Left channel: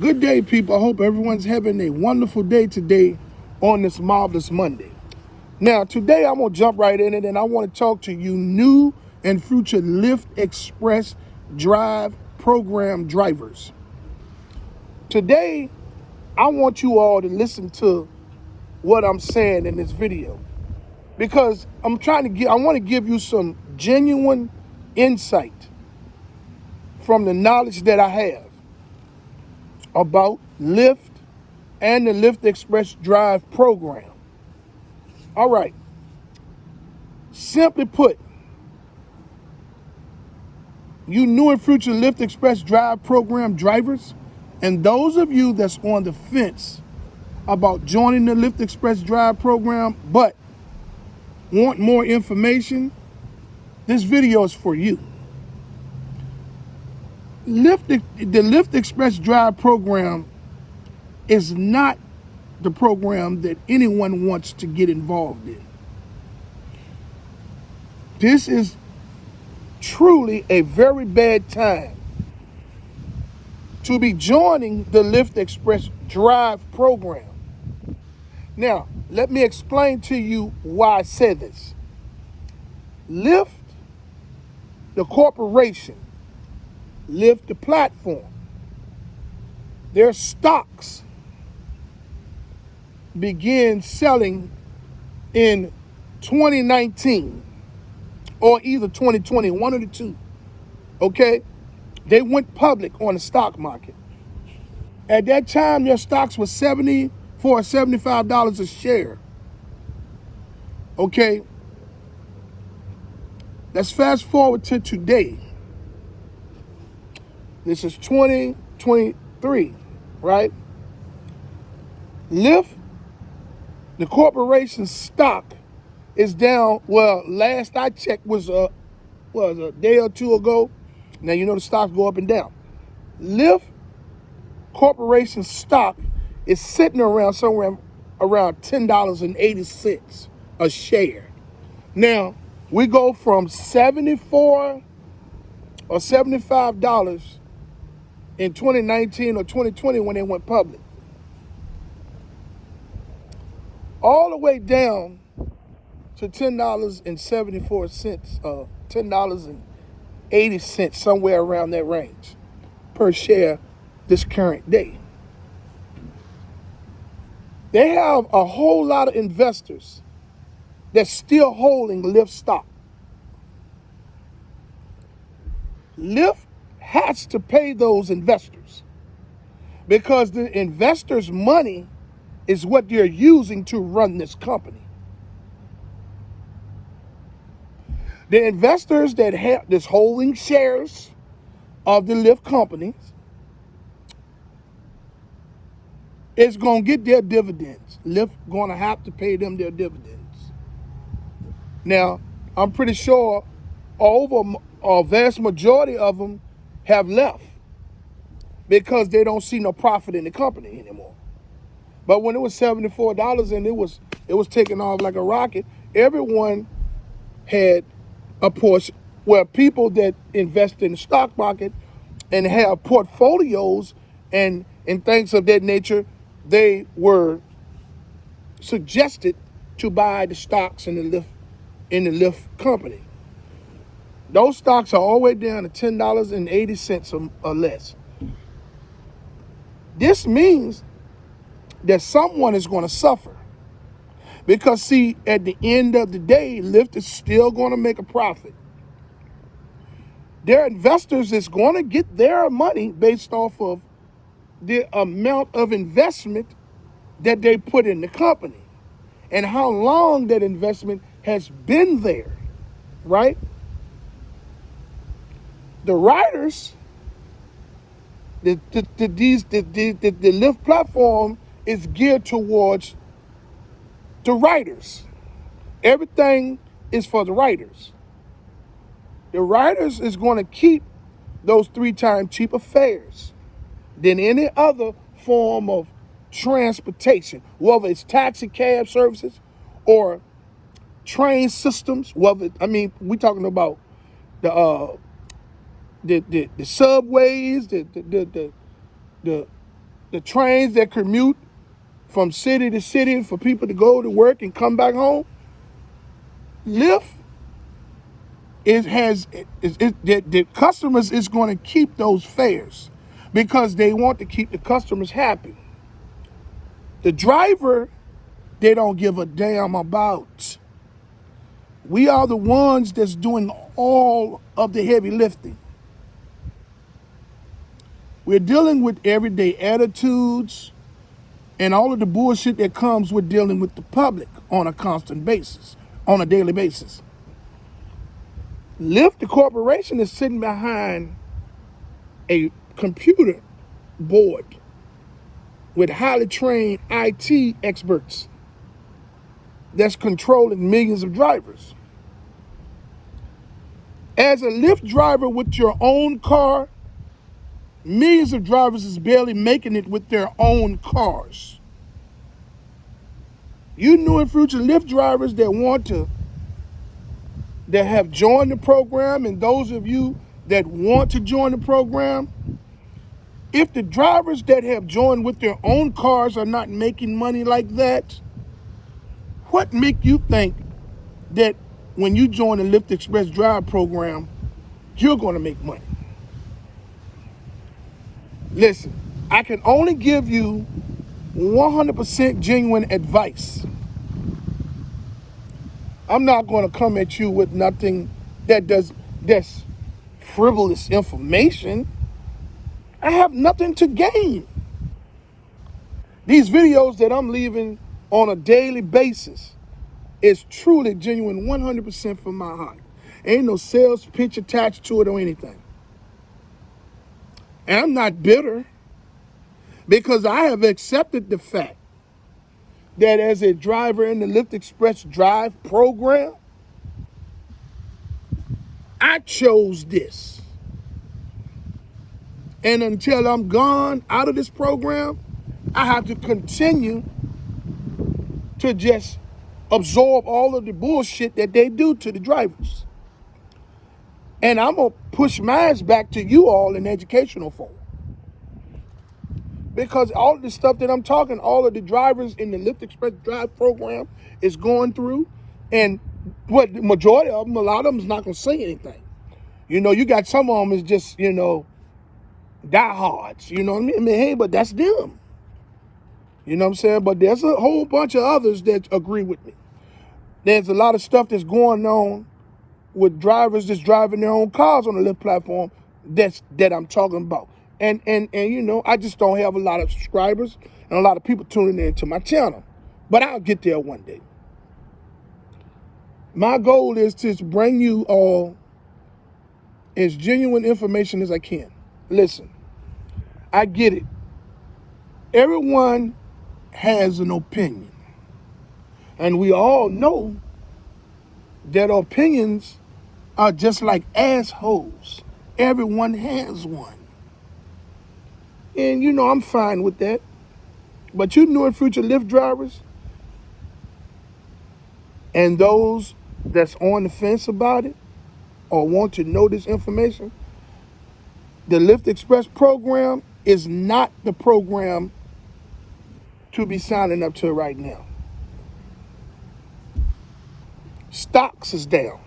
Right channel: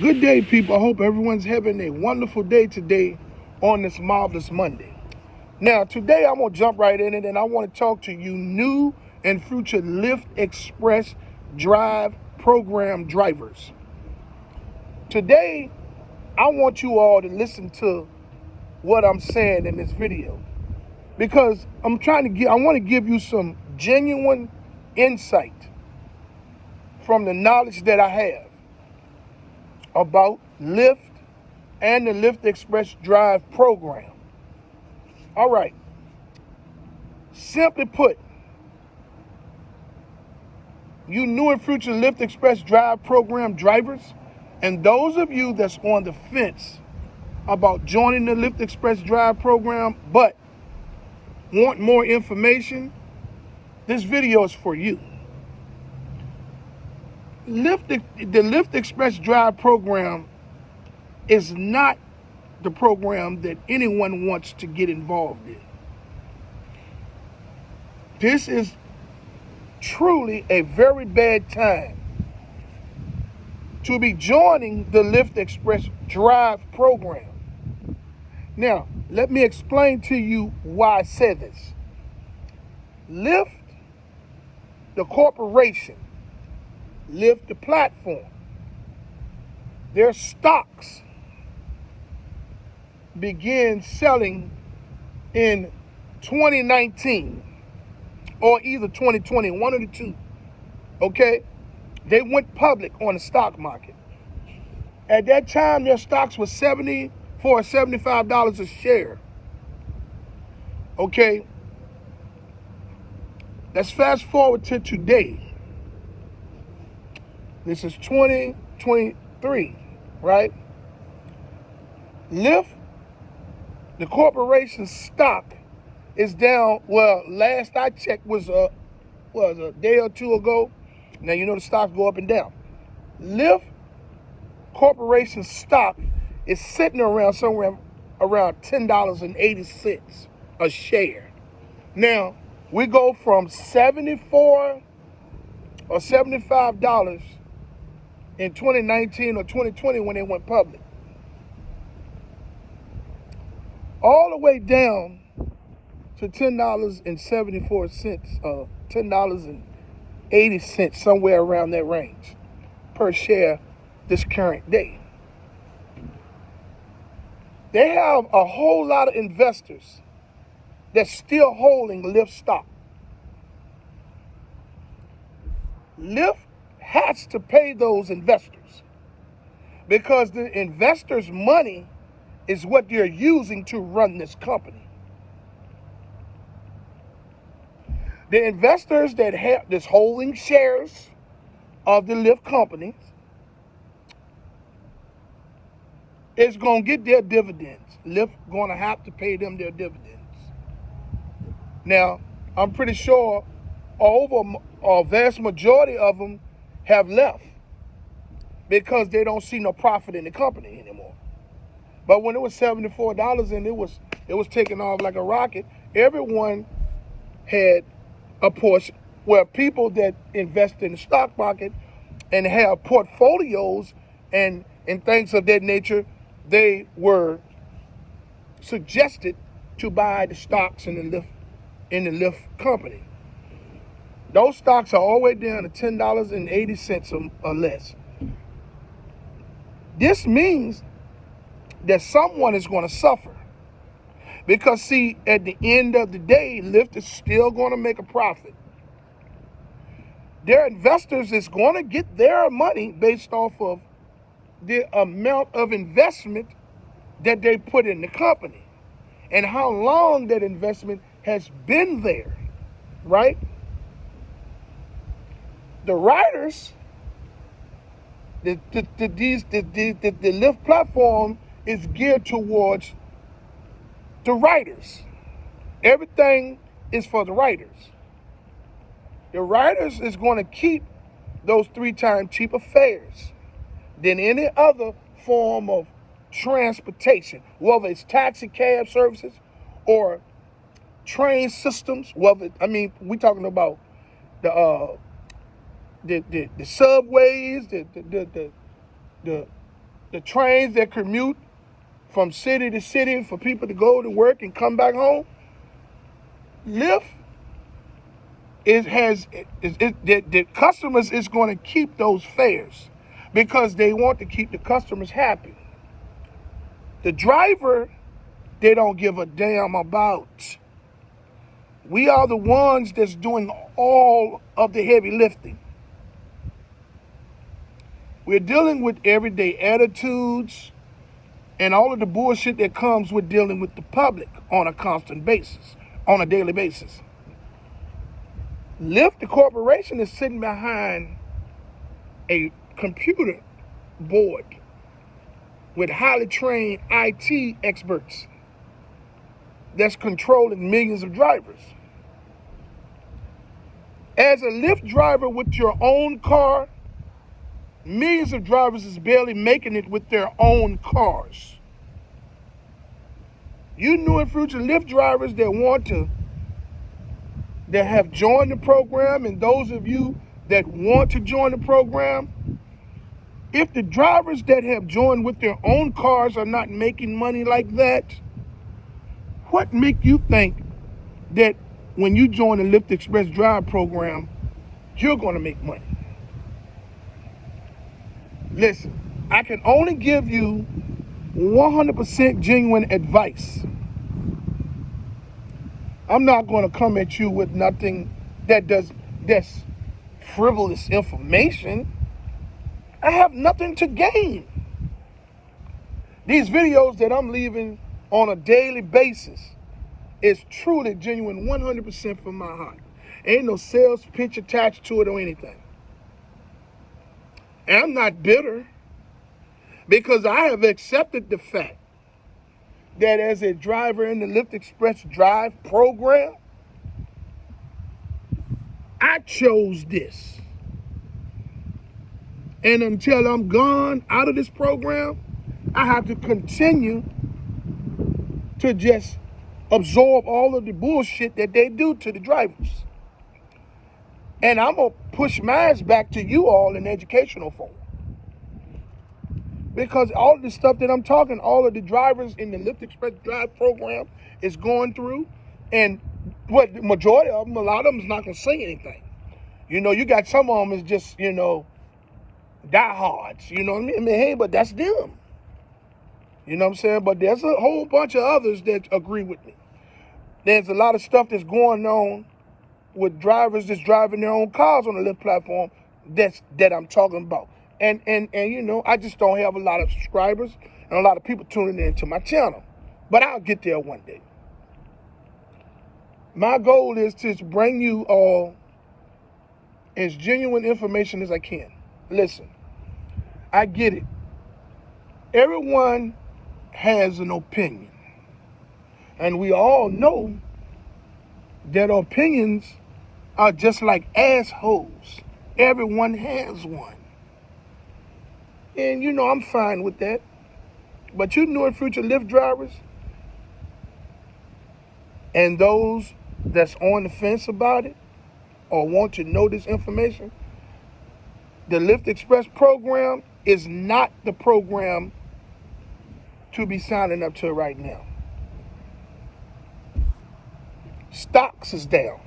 Good day, people. I hope everyone's having a wonderful day today on this marvelous Monday. Now, today I'm going to jump right in it, and I want to talk to you new and future Lyft Express Drive program drivers. Today, I want you all to listen to what I'm saying in this video, because I want to give you some genuine insight from the knowledge that I have about Lyft and the Lyft Express Drive program. All right. Simply put, you new and future Lyft Express Drive program drivers, and those of you that's on the fence about joining the Lyft Express Drive program but want more information, this video is for you. The Lyft Express Drive program is not the program that anyone wants to get involved in. This is truly a very bad time to be joining the Lyft Express Drive program. Now, let me explain to you why I say this. Lyft, the corporation, Lyft, the platform, their stocks began selling in 2019 or either 2020, one of the two, okay? They went public on the stock market. At that time, their stocks were $74 or $75 a share, okay? Let's fast forward to today. This is 2023, right? Lyft, the corporation's stock is down. Well, last I checked was a day or two ago. Now, you know the stocks go up and down. Lyft Corporation's stock is sitting around somewhere around $10.80 a share. Now, we go from $74 or $75 in 2019 or 2020 when they went public, all the way down to $10.74, $10.80, somewhere around that range per share this current day. They have a whole lot of investors that's still holding Lyft stock. Lyft has to pay those investors because the investors' money is what they're using to run this company. The investors that have this holding shares of the Lyft companies is going to get their dividends. Lyft going to have to pay them their dividends. Now, I'm pretty sure a vast majority of them have left because they don't see no profit in the company anymore. But when it was $74 and it was taking off like a rocket, everyone had a portion. Where people that invest in the stock market and have portfolios and things of that nature, they were suggested to buy the stocks in the Lyft company. Those stocks are all the way down to $10.80 or less. This means that someone is going to suffer. Because, see, at the end of the day, Lyft is still going to make a profit. Their investors is going to get their money based off of the amount of investment that they put in the company and how long that investment has been there, right? The riders, the Lyft platform is geared towards the riders. Everything is for the riders. The riders is going to keep those 3 times cheaper fares than any other form of transportation, whether it's taxi cab services or train systems. Whether we're talking about the subways, the the trains that commute from city to city for people to go to work and come back home, Lyft the customers is going to keep those fares because they want to keep the customers happy. The driver, they don't give a damn about. We are the ones that's doing all of the heavy lifting. We're dealing with everyday attitudes and all of the bullshit that comes with dealing with the public on a constant basis, on a daily basis. Lyft, the corporation, is sitting behind a computer board with highly trained IT experts that's controlling millions of drivers. As a Lyft driver with your own car, millions of drivers is barely making it with their own cars. You new and future Lyft drivers that have joined the program, and those of you that want to join the program, if the drivers that have joined with their own cars are not making money like that, what make you think that when you join the Lyft Express Drive program, you're going to make money? Listen, I can only give you 100% genuine advice. I'm not going to come at you with nothing that's frivolous information. I have nothing to gain. These videos that I'm leaving on a daily basis is truly genuine, 100% from my heart. Ain't no sales pitch attached to it or anything. And I'm not bitter because I have accepted the fact that as a driver in the Lyft Express Drive program, I chose this. And until I'm gone out of this program, I have to continue to just absorb all of the bullshit that they do to the drivers. And I'm going to push mine back to you all in educational form. Because all of the stuff that I'm talking, all of the drivers in the Lyft Express Drive program is going through, and what the majority of them, a lot of them is not going to say anything. You know, you got some of them is just, diehards, you know what I mean? Hey, but that's them. You know what I'm saying? But there's a whole bunch of others that agree with me. There's a lot of stuff that's going on with drivers that's driving their own cars on the Lyft platform that I'm talking about. And I just don't have a lot of subscribers and a lot of people tuning into my channel. But I'll get there one day. My goal is to bring you all as genuine information as I can. Listen, I get it. Everyone has an opinion. And we all know that opinions are just like assholes. Everyone has one. And I'm fine with that. But you new and future Lyft drivers and those that's on the fence about it or want to know this information, the Lyft Express program is not the program to be signing up to right now. Stocks is down.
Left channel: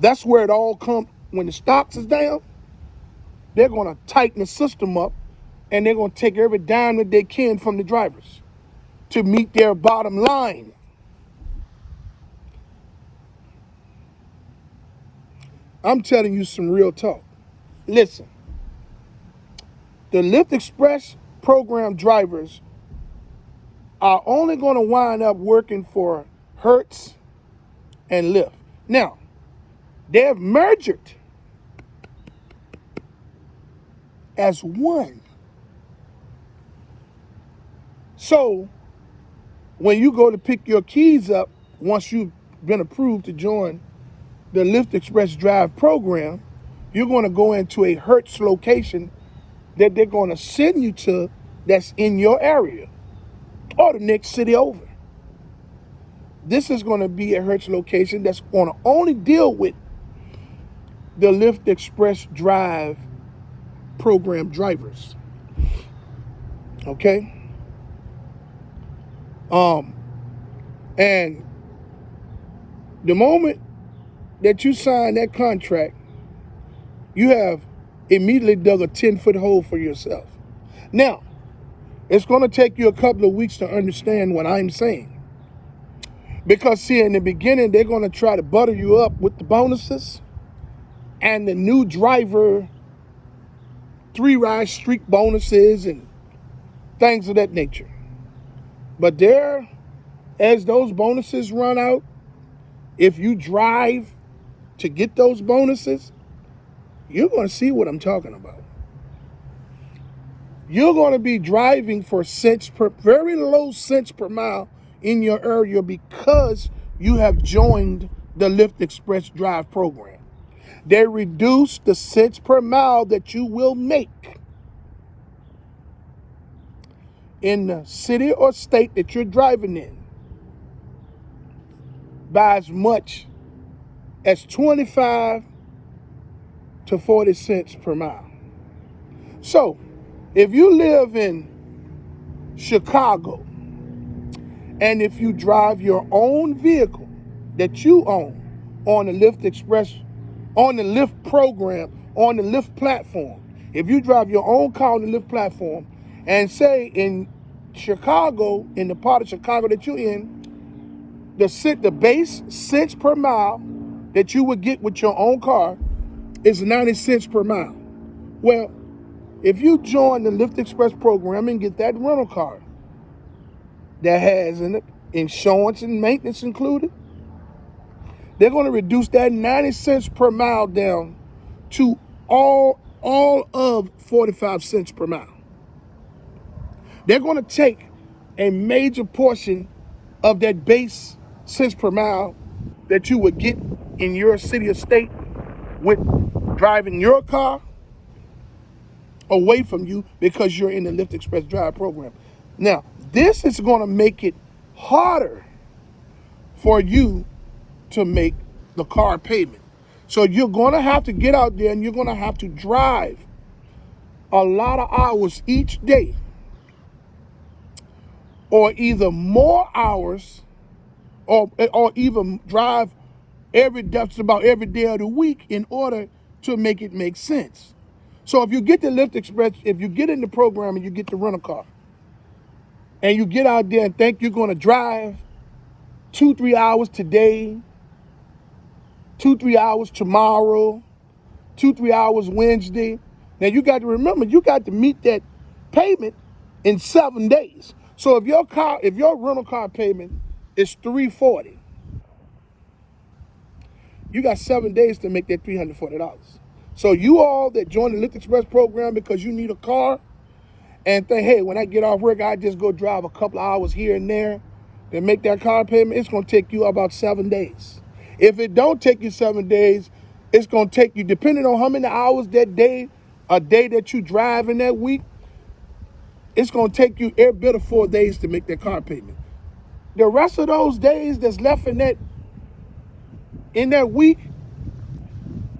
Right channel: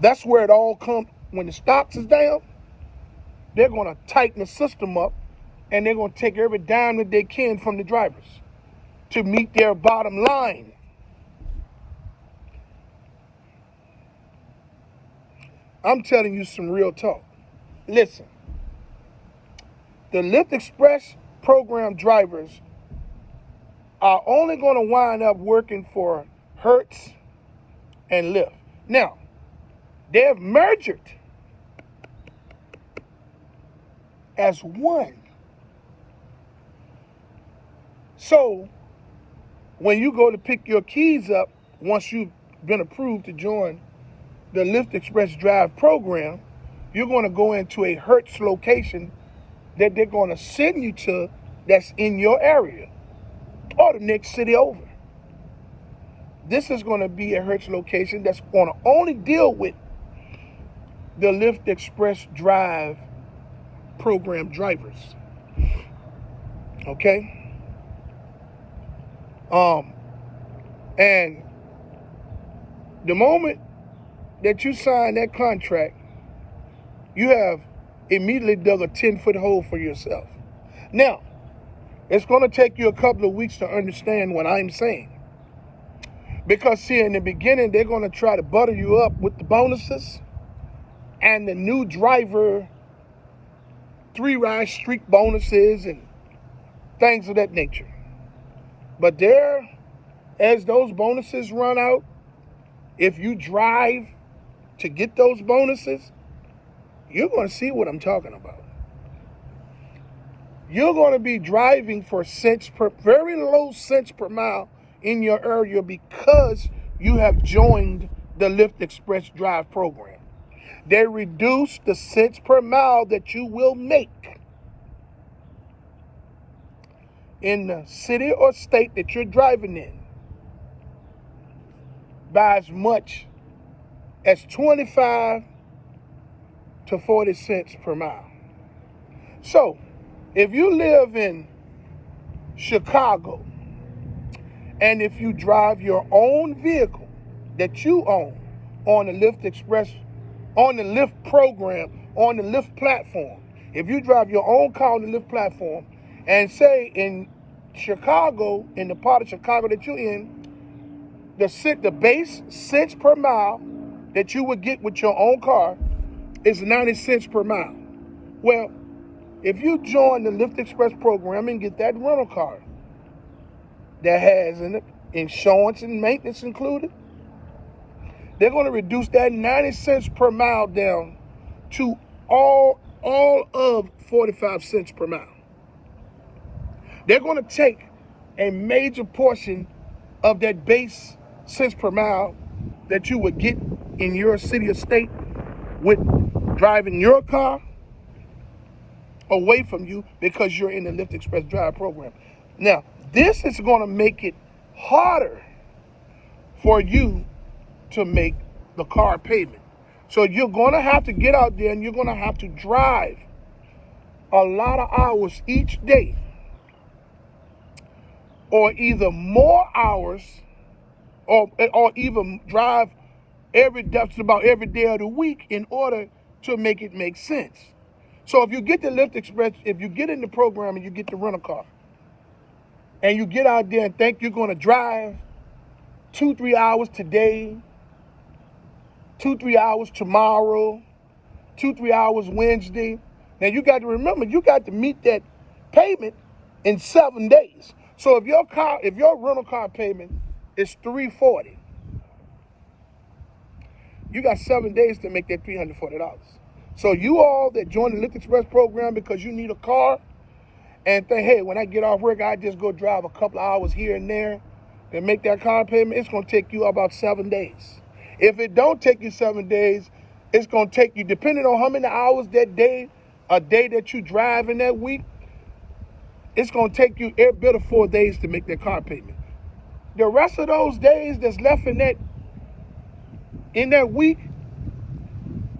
That's where it all comes. When the stocks is down, they're going to tighten the system up and they're going to take every dime that they can from the drivers to meet their bottom line. I'm telling you some real talk. Listen, the Lyft Express program drivers are only going to wind up working for Hertz and Lyft. Now, they've merged as one. So, when you go to pick your keys up, once you've been approved to join the Lyft Express Drive program, you're going to go into a Hertz location that they're going to send you to that's in your area or the next city over. This is going to be a Hertz location that's going to only deal with the Lyft Express Drive program drivers. Okay? And the moment that you sign that contract, you have immediately dug a 10-foot hole for yourself. Now, it's going to take you a couple of weeks to understand what I'm saying. Because, see, in the beginning, they're going to try to butter you up with the bonuses and the new driver 3-ride streak bonuses and things of that nature. But there, as those bonuses run out, if you drive to get those bonuses, you're going to see what I'm talking about. You're going to be driving for very low cents per mile in your area because you have joined the Lyft Express Drive program. They reduce the cents per mile that you will make in the city or state that you're driving in by as much as 25 to 40 cents per mile. So, if you live in Chicago, and if you drive your own vehicle that you own on the Lyft Express, on the Lyft program, on the Lyft platform, if you drive your own car on the Lyft platform, and say in Chicago, in the part of Chicago that you're in, the base cents per mile that you would get with your own car is 90 cents per mile. Well, if you join the Lyft Express program and get that rental car that has in it insurance and maintenance included, they're going to reduce that 90 cents per mile down to all of 45 cents per mile. They're going to take a major portion of that base cents per mile that you would get in your city or state with driving your car away from you because you're in the Lyft Express Drive program. Now, this is going to make it harder for you to make the car payment. So you're going to have to get out there and you're going to have to drive a lot of hours each day, or either more hours, or even drive just about every day of the week in order to make it make sense. So if you get the Lyft Express, if you get in the program and you get the rental car, and you get out there and think you're going to drive 2-3 hours today, 2-3 hours tomorrow, 2-3 hours Wednesday, now you got to remember, you got to meet that payment in 7 days. So if your rental car payment is $340, you got 7 days to make that $340. So you all that join the Lyft Express program because you need a car and think, hey, when I get off work, I just go drive a couple of hours here and there to make that car payment, it's going to take you about 7 days. If it don't take you 7 days, it's going to take you, depending on how many hours that day, a day that you drive in that week, it's going to take you every bit of 4 days to make that car payment. The rest of those days that's left in that week,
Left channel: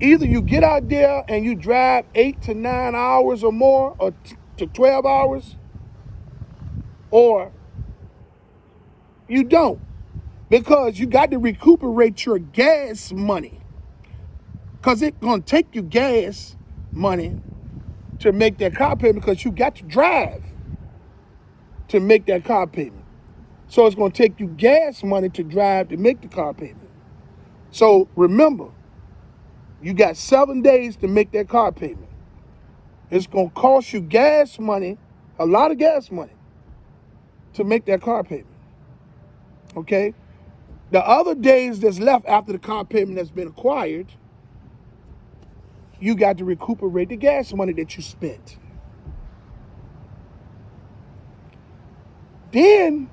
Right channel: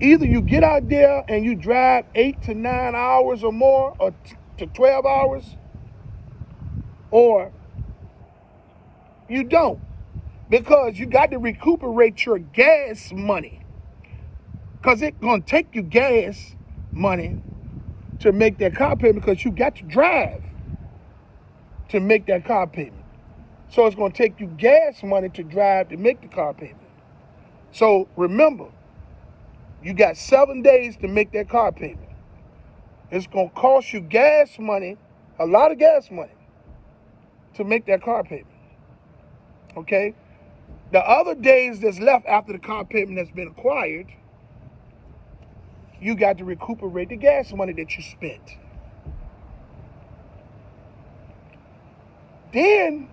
either you get out there and you drive 8 to 9 hours or more, or to 12 hours, or you don't, because you got to recuperate your gas money, because it's going to take you gas money to make that car payment, because you got to drive to make that car payment. So it's going to take you gas money to drive to make the car payment. So remember, you got 7 days to make that car payment. It's going to cost you gas money, a lot of gas money, to make that car payment. Okay? The other days that's left after the car payment has been acquired, you got to recuperate the gas money that you spent. Then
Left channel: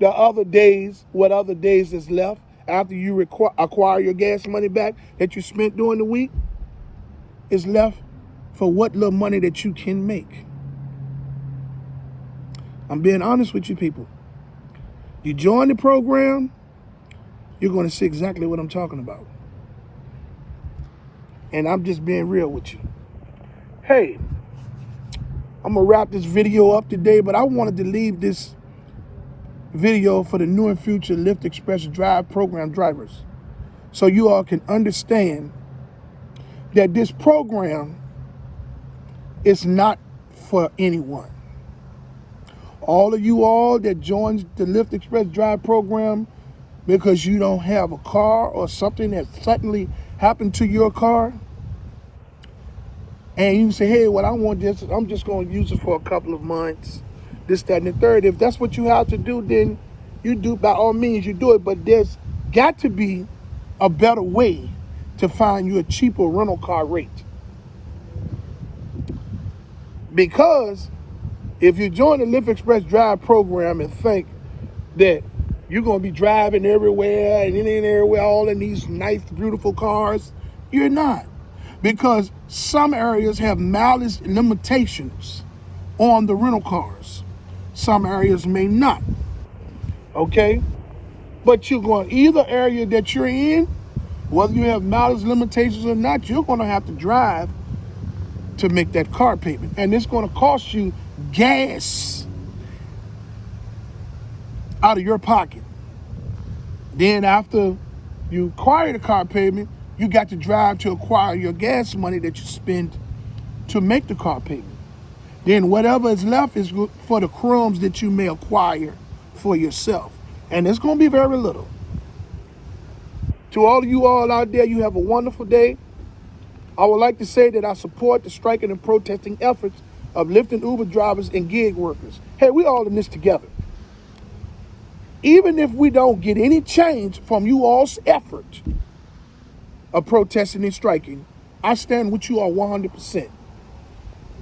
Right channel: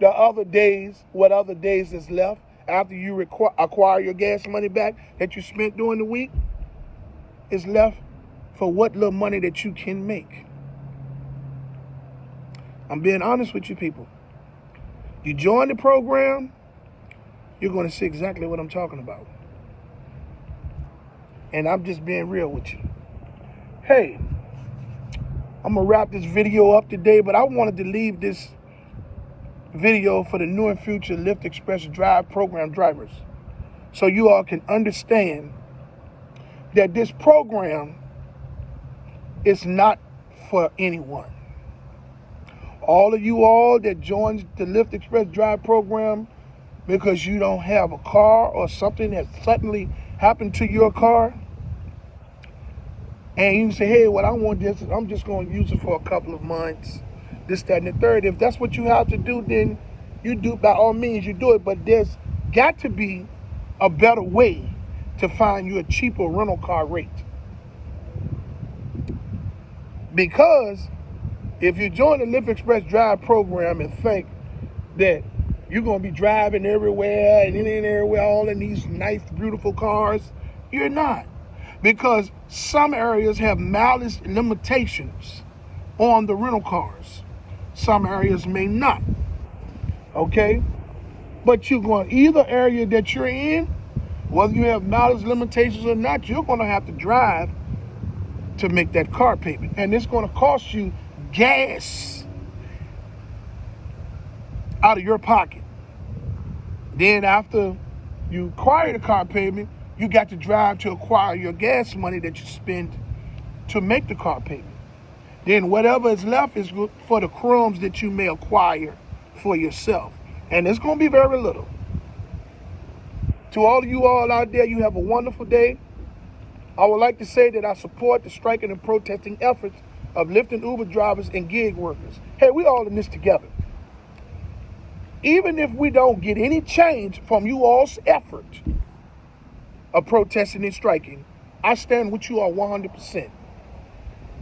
the other days, what other days is left after you acquire your gas money back that you spent during the week, is left for what little money that you can make. I'm being honest with you people. You join the program, you're going to see exactly what I'm talking about. And I'm just being real with you. Hey, I'm gonna wrap this video up today, but I wanted to leave this video for the new and future Lyft Express Drive program drivers, so you all can understand that this program is not for anyone. All of you all that joins the Lyft Express Drive program because you don't have a car or something that suddenly happened to your car, and you say, hey, well, I'm just going to use it for a couple of months, this, that, and the third. If that's what you have to do, then you do, by all means, you do it. But there's got to be a better way to find you a cheaper rental car rate. Because if you join the Lyft Express Drive program and think that you're going to be driving everywhere and in everywhere, all in these nice, beautiful cars, you're not. Because some areas have mileage limitations on the rental cars. Some areas may not, okay? But you're going, either area that you're in, whether you have mileage limitations or not, you're going to have to drive to make that car payment. And it's going to cost you gas out of your pocket. Then after you acquire the car payment, you got to drive to acquire your gas money that you spend to make the car payment. Then whatever is left is for the crumbs that you may acquire for yourself. And it's going to be very little. To all of you all out there, you have a wonderful day. I would like to say that I support the striking and protesting efforts of Lyft and Uber drivers and gig workers. Hey, we all in this together. Even if we don't get any change from you all's effort of protesting and striking, I stand with you all 100%.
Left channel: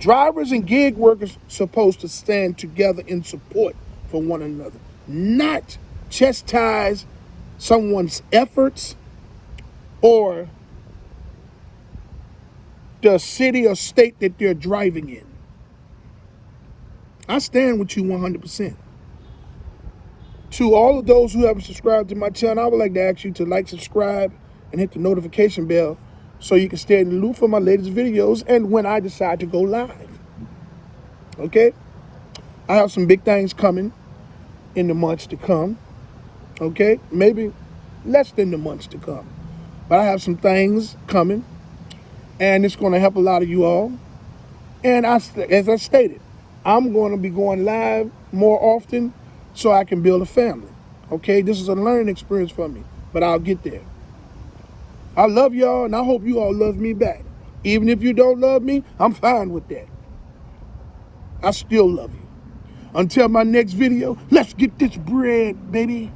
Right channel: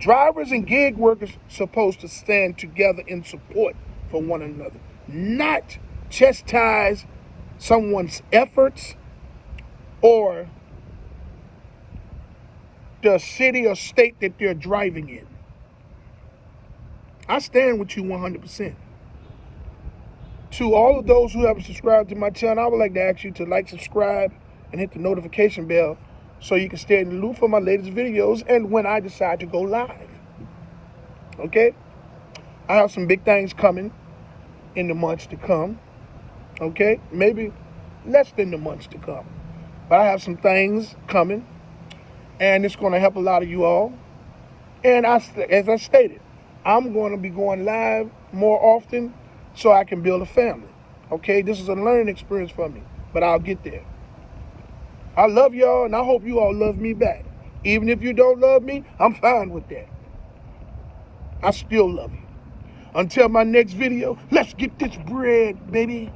Drivers and gig workers supposed to stand together in support for one another, not chastise someone's efforts or the city or state that they're driving in. I stand with you 100%. To all of those who haven't subscribed to my channel, I would like to ask you to like, subscribe, and hit the notification bell so you can stay in the loop for my latest videos and when I decide to go live. Okay? I have some big things coming in the months to come. Okay? Maybe less than the months to come. But I have some things coming, and it's going to help a lot of you all. And as I stated, I'm going to be going live more often so I can build a family. Okay? This is a learning experience for me, but I'll get there. I love y'all, and I hope you all love me back. Even if you don't love me, I'm fine with that. I still love you. Until my next video, let's get this bread, baby.